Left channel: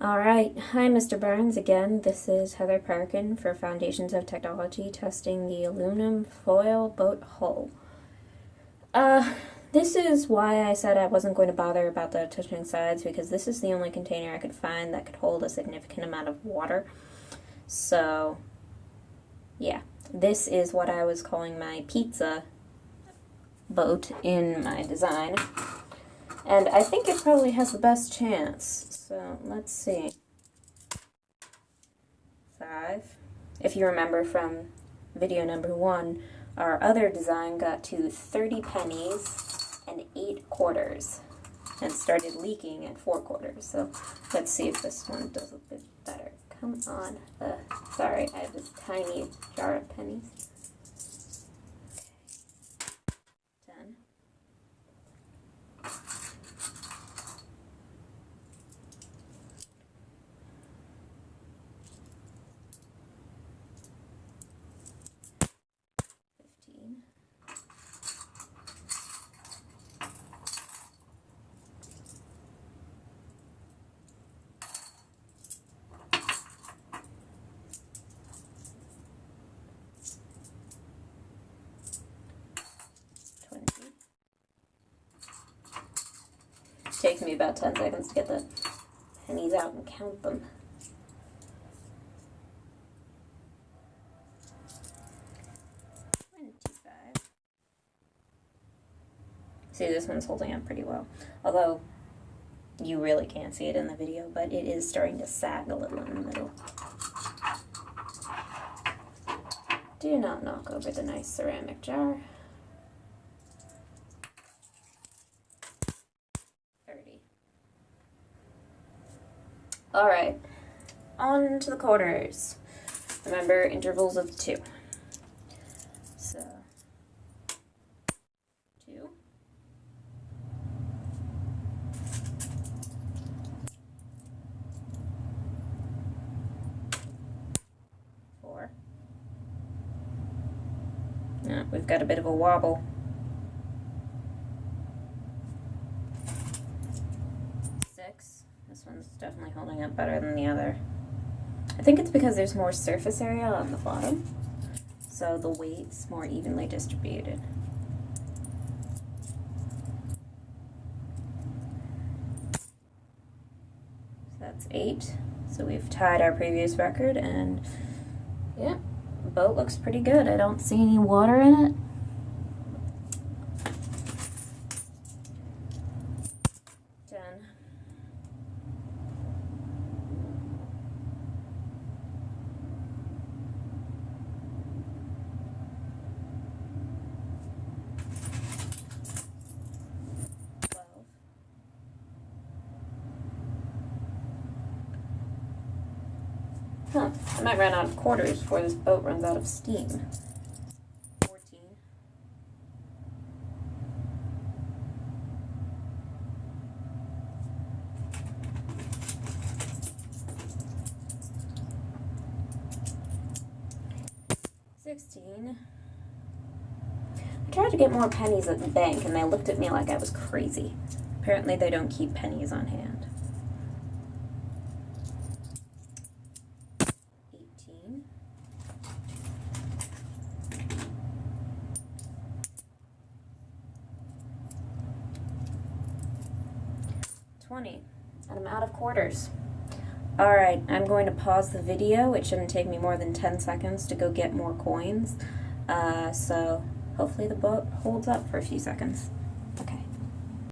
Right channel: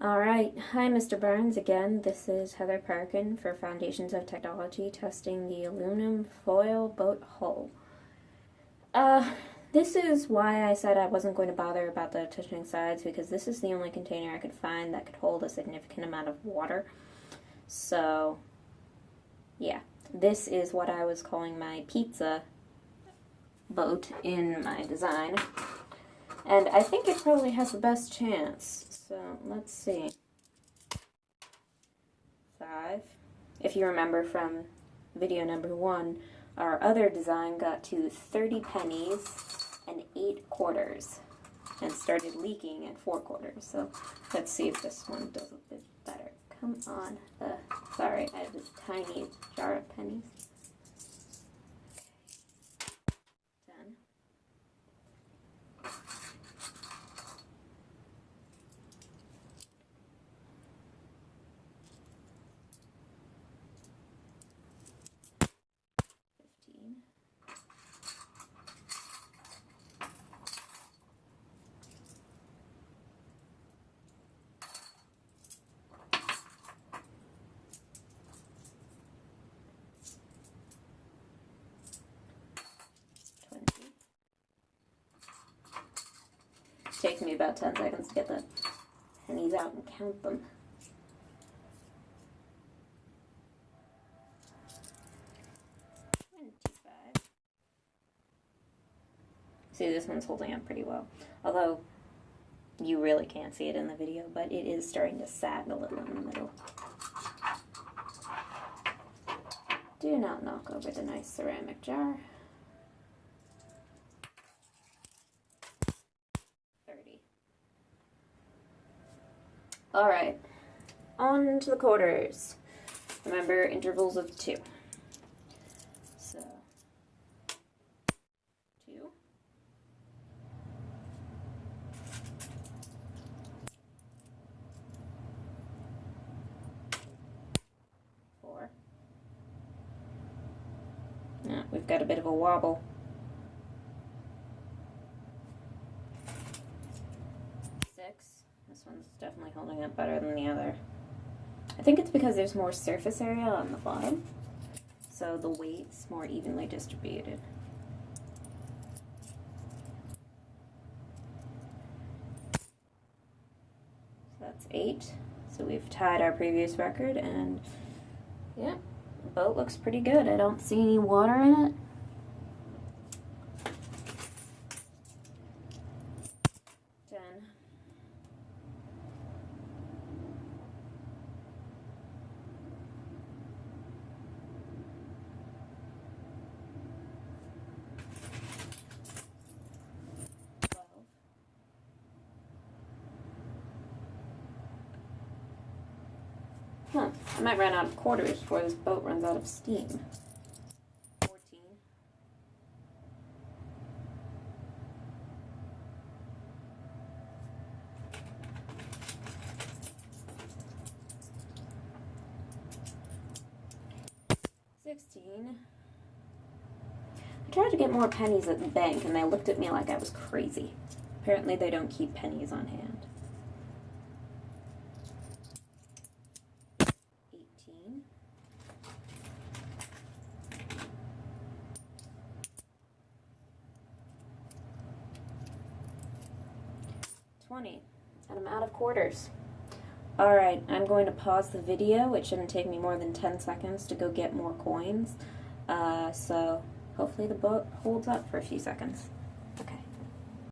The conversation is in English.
Alright, hi Mr. Burns again. This is Heather Parkin for Foundations of Technology testing the aluminum foil boat hull. This is why I said I wasn't going to bother about the touching sides, because this is the only container I could find that could hold a significant amount of water. So, yeah, this is what I was calling my pizza boat in my design. And I think it probably has the best chance. So, let's see. 5. If you remember from video number 1, our other design got to 30 pennies and 8 quarters and started leaking at 4 quarters. So let's see if this one does a bit better. Come on. Sorry, I have this tiny jar of pennies. 10. 15. 20. It takes me about 10 seconds to get the pennies out and count them. 25. See, this one's holding up pretty well. Although, you really can't see it in the video, but it is starting to sag a little in the middle. Do not knock over the nice ceramic jar. 30. Alright, on to the quarters. Remember, intervals of 2. So, 2. 4. Yeah, we've got a bit of a wobble. 6. This one's definitely holding up better than the other. I think it's because there's more surface area on the bottom, so the weight's more evenly distributed. So that's 8. So we've tied our previous record, and yeah, the boat looks pretty good. I don't see any water in it. 10. 12. Huh, I might run out of quarters before this boat runs out of steam. 14. 16. I tried to get more pennies at the bank, and they looked at me like I was crazy. Apparently they don't keep pennies on hand. 18. 20. And I'm out of quarters. Alright, I'm going to pause the video. It shouldn't take me more than 10 seconds to go get more coins. So hopefully the boat holds up for a few seconds. Okay.